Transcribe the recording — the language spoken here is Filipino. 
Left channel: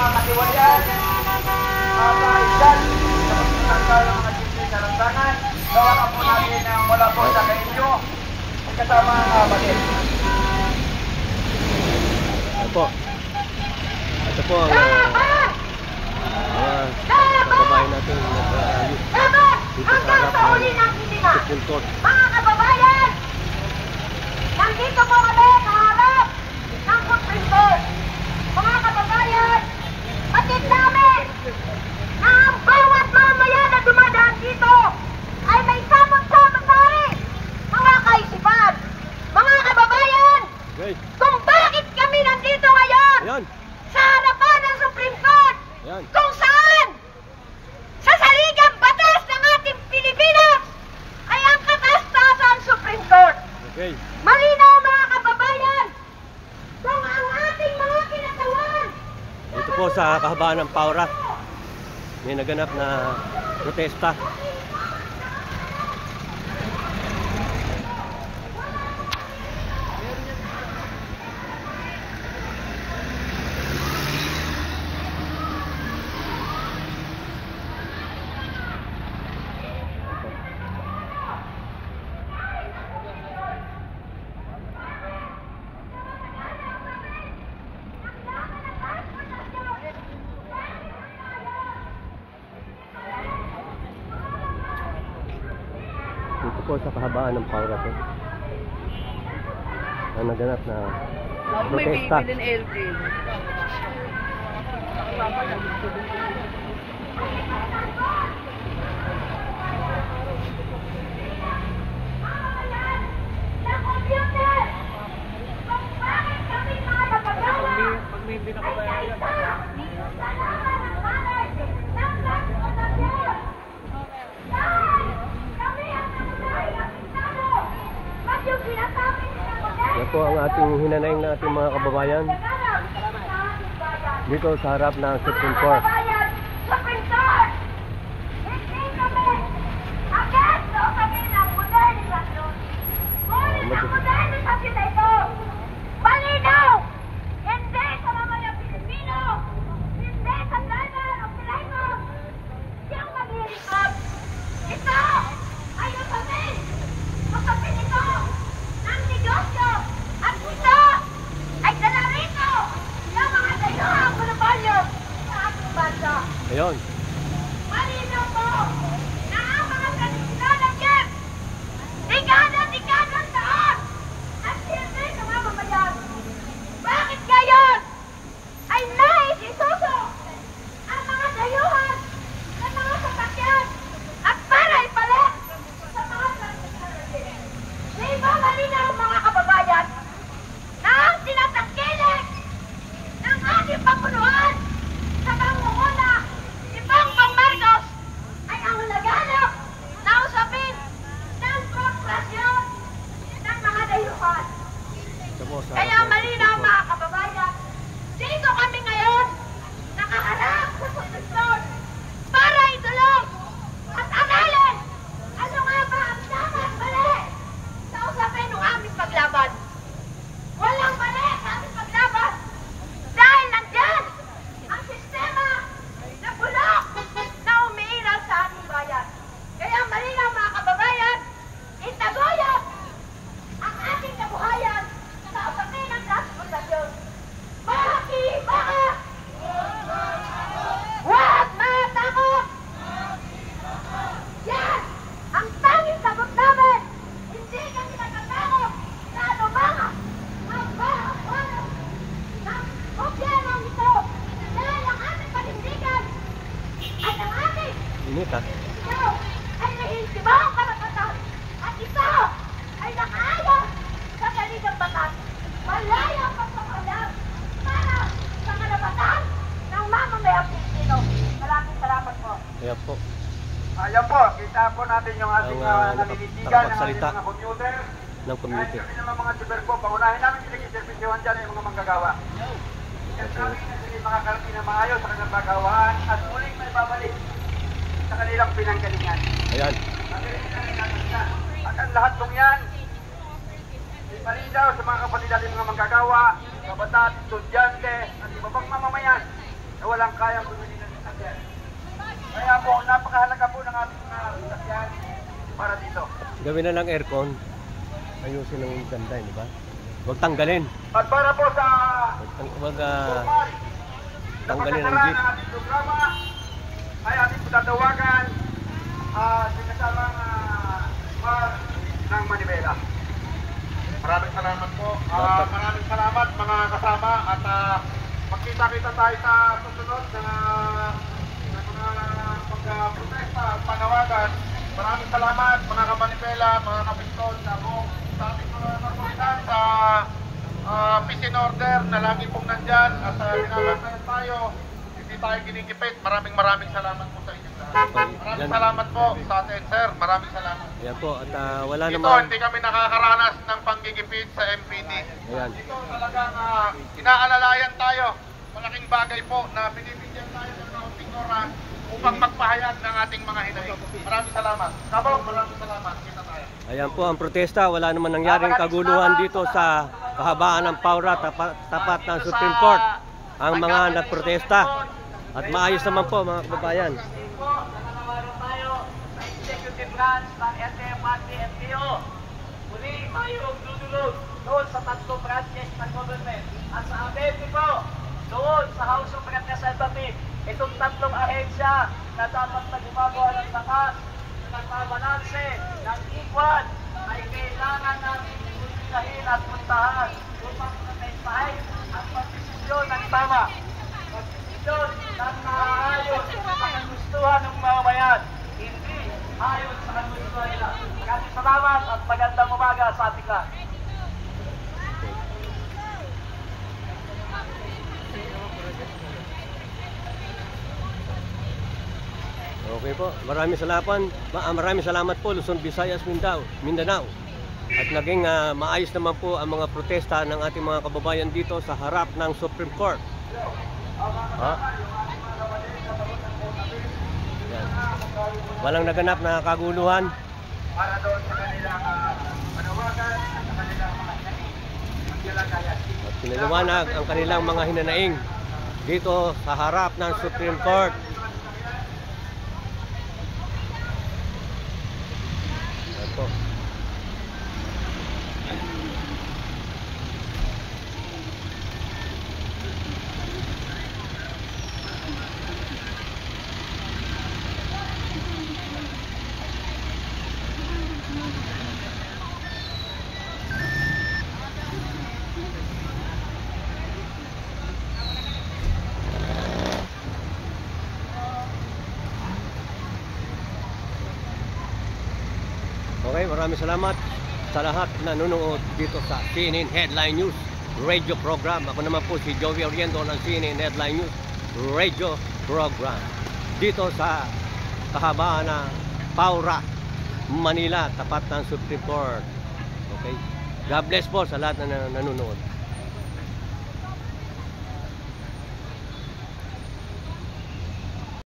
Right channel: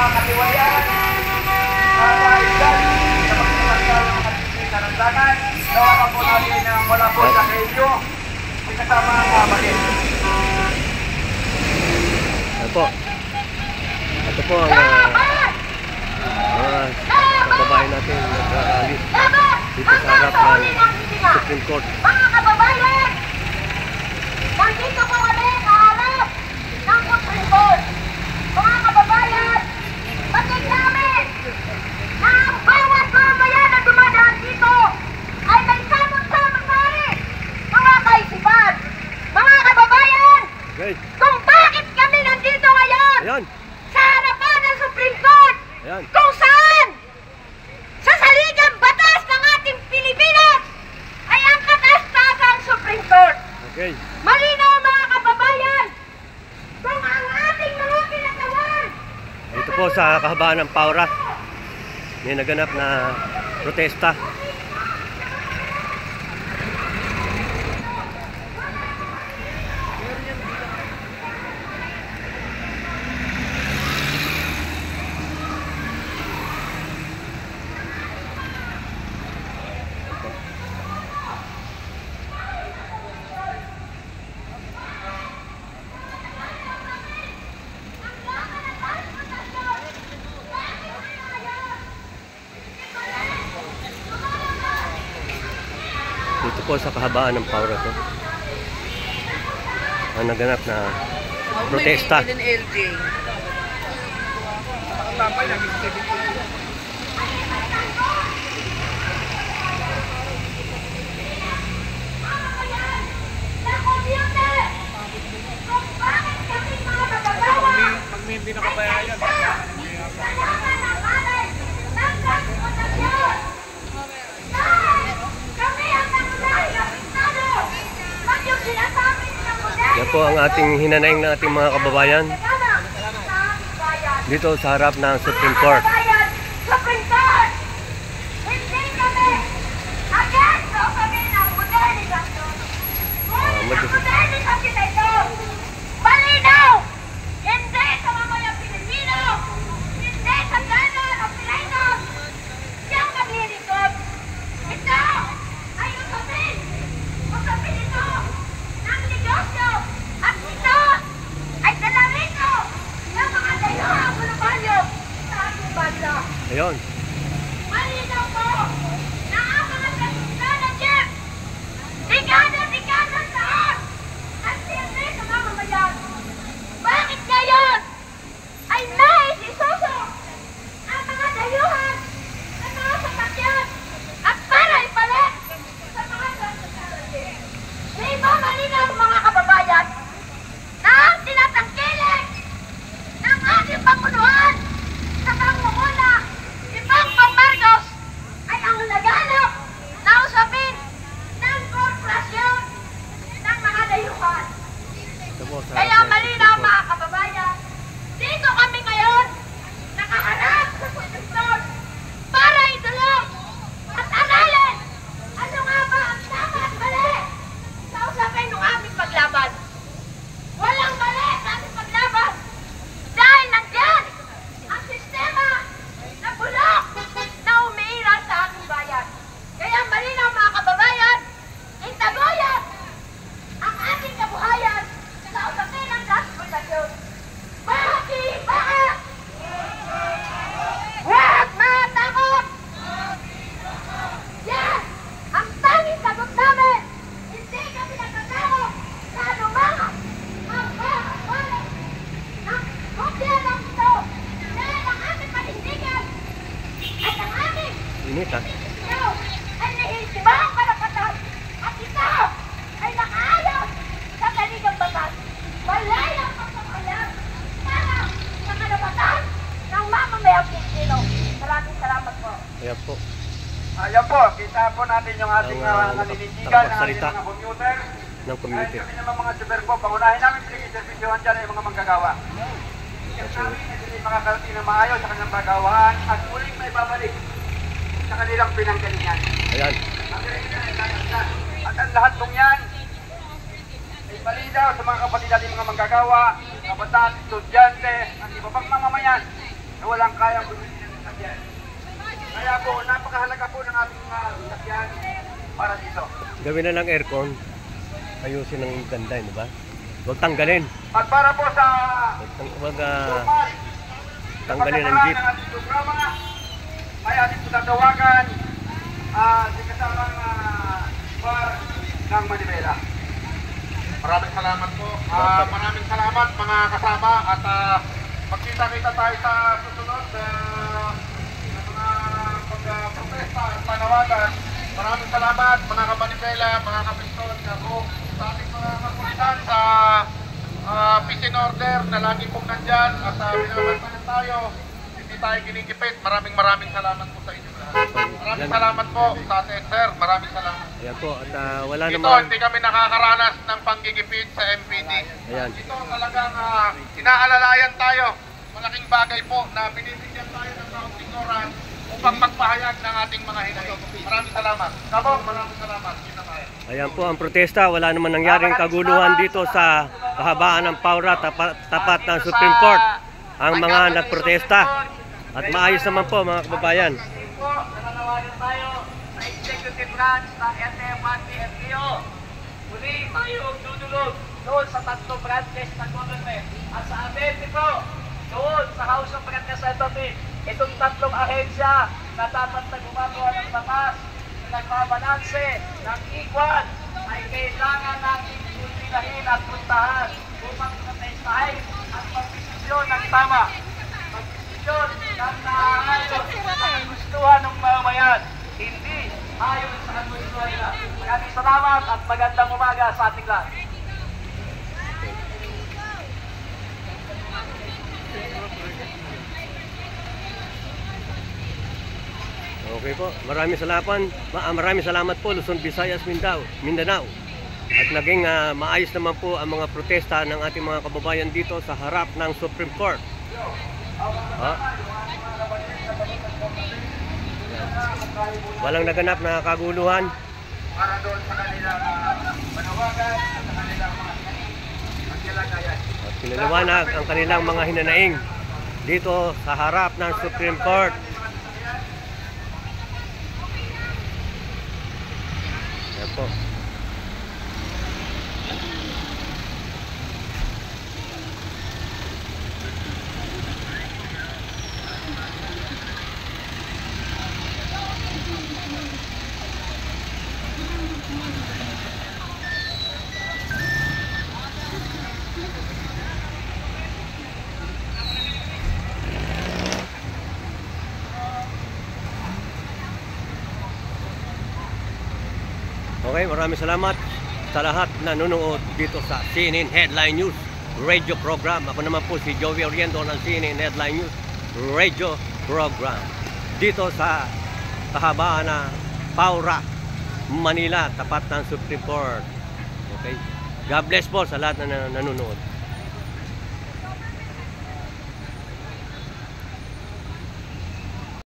mga katiwalian, mga kaibigan, sa pagkakasal ng ating karandangan, gawa po natin na mula po sa kainyo, ay kasama ang kapalit. Ito po ang mga kababayan natin nagrarally dito sa harap ng Supreme Court. Mga kababayan, nandito po kami sa harap ng Supreme Court. Mga kababayan, patid namin na ang bawat mamaya na dumadaan dito ay may samot-samot tayo, mga kaisipan. Mga kababayan, Okay. kung bakit kami nandito ngayon Ayan. sa harapan ng Supreme Court, Ayan. kung saan sa saligang batas ng ating Pilipinas ay ang kataas-taasang Supreme Court. Okay. Malinaw mga kababayan, kung ang ating mga kinatawan Dito po sa kahabaan ng Paura, may naganap na protesta. Dito po sa kahabaan ng Paura to, ang naganap na protesta. Hindi na kabayayan. Yan po ang ating hinanaing na ating mga kababayan dito sa harap ng Supreme Court. Supreme Court! Hindi kami against o kami ng modernisasyon. Ngunit ang modernisasyon na ito, malinaw! Hindi sa mamayang Pilipino! Hindi sa ganon o Pilainos! Siyang maglilingkod! Ito ay usapin! Usapin ito ng negosyo! At ito ay dala rito ng mga dayuhang monopolyo sa ating bansa! Ayun. Malinaw po na ang mga tradisyonan Jeff, dekada-dekada taon at silbi sa mamamayan. Bakit ngayon ay nais isuso ang mga dayuhan na nakasasakyan at para ipalit sa mga tradisyonan Jeff? Di ba malinaw mga kababayan na ang tinatangkilik ng ating Pangunuan sa pangunguna si Bongbong Marcos ay ang naghanap na usapin ng korporasyon ng mga dayuhan. Ito po sa Kaya harap ng malinaw Supreme Court. mga kababayan, dito kami ngayon nakaharap sa Supreme Court para itulong at aralin ano nga ba ang tama at mali sa usapin ng aming paglaban. Walang mali sa aming paglaban dahil nandyan ang sistema na bulok na umiiral sa ating bayan. Kaya malinaw mga kababayan, itaguyod ang ating kabuhayan sa usapin ng transportasyon. Bakit? Bakit? Huwag matakot! Yan! Ang tanging sagot namin! Hindi kami natatakot sa anuman ang pagkakulang ng gobyernong ito dahil ang ating panindigan at ang ating Init ha. ito ay nahihintibang karapatan at ito ay nakaayon sa kanilang batas. Malayang pagpapalan para sa karapatan ng mamamayang Pilipino. Maraming salamat po. Ayan po. Ayan po, kita po natin yung ating Ang, naninitigan ng ating nakapagsalita mga commuter. ng community. Kahit kami naman mga super po, pangunahin namin pinag-servisyohan dyan ay mga manggagawa. Kasi namin na sila makakarating na maayos sa kanilang pagawaan at muling may babalik sa kanilang pinanggalingan. Ayan. At ang lahat pong yan ay malinaw sa mga kapatid natin mga manggagawa, kabataan, estudyante, at iba pang mamamayan na walang kayang bumili ng sasakyan. Kaya po, napakahalaga po ng ating sasakyan para dito. Gawin na lang aircon. Ayusin ng ganda, di ba? Huwag tanggalin. At para po sa Huwag formal tanggalin ang jeep. ng ating programa, ay ating tatawagan si kasamang bar ng Manibela. Maraming salamat po. Maraming salamat mga kasama at magkita-kita tayo sa susunod na mga pag-protesta at panawagan. Maraming salamat mga kamanibela, mga kapistol, sa ating mga kapulisan sa peace and order na lagi pong nandyan at binabantayan tayo. Hindi tayo ginikipit. Maraming salamat po sa inyong lahat. Maraming salamat po sa atin, sir. Maraming salamat. Ayan po, at wala Dito, naman. hindi kami nakakaranas ng panggigipit sa MPD. Ayan. Dito talagang inaalalayan tayo. Malaking bagay po na binibigyan tayo ng kaunting oras upang magpahayag ng ating mga hinaing. Maraming salamat. Kabong, maraming salamat. Kita tayo. Ayan po ang protesta. Wala naman nangyaring kaguluhan dito sa kahabaan ng Paura, tapat ng Supreme Court. Ang mga nagprotesta. At maayos naman po mga kababayan. Nananawagan tayo sa executive branch ng LTFRB MPO. Muli tayo dudulog doon sa tatlong branches ng government. At sa ABP po, doon sa House of Representatives, itong tatlong ahensya na dapat na gumagawa ng batas, nagbabalanse ng ikwan ay kailangan natin kulminahin at puntahan upang protestahin at pagdesisyon ng tama. Pagdesisyon ng naayon sa kagustuhan ng mamayan, hindi ayon sa kagustuhan nila. Maraming salamat at magandang umaga sa ating lahat. Okay po, maraming salamat po Luzon, Visayas, Mindanao. At naging maayos naman po ang mga protesta ng ating mga kababayan dito sa harap ng Supreme Court. Yan. Walang naganap na kaguluhan. Para doon sa kanilang panawagan at sa kanilang tilakayan. At pinaliwanag ang kanilang mga hinanaing dito sa harap ng Supreme Court. Yan po. Okay, maraming salamat sa lahat na nanonood dito sa CNN Headline News Radio Program. Ako naman po si Joey Oriendo ng CNN Headline News Radio Program. Dito sa kahabaan ng Paura, Manila, tapat ng Supreme Court. Okay? God bless po sa lahat na nanonood.